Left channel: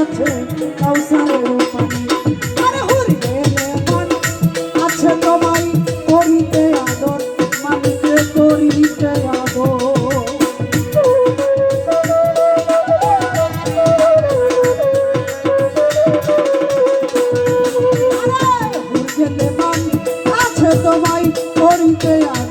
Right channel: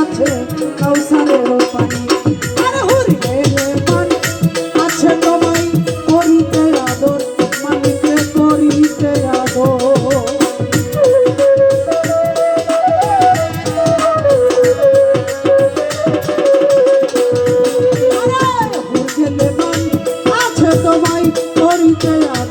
আছে কাউসারের পানি। আরে হুরিয়ে রে মান আছে তোমায় করিতে আদর মানিকে করিতে আদর। আছে তোমায় করিতে আদর।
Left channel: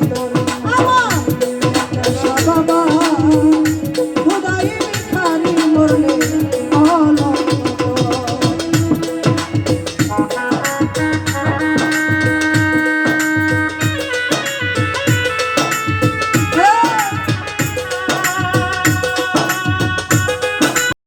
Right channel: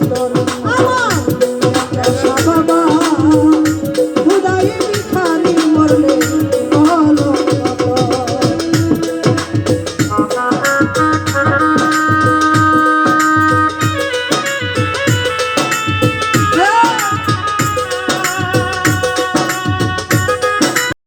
motor.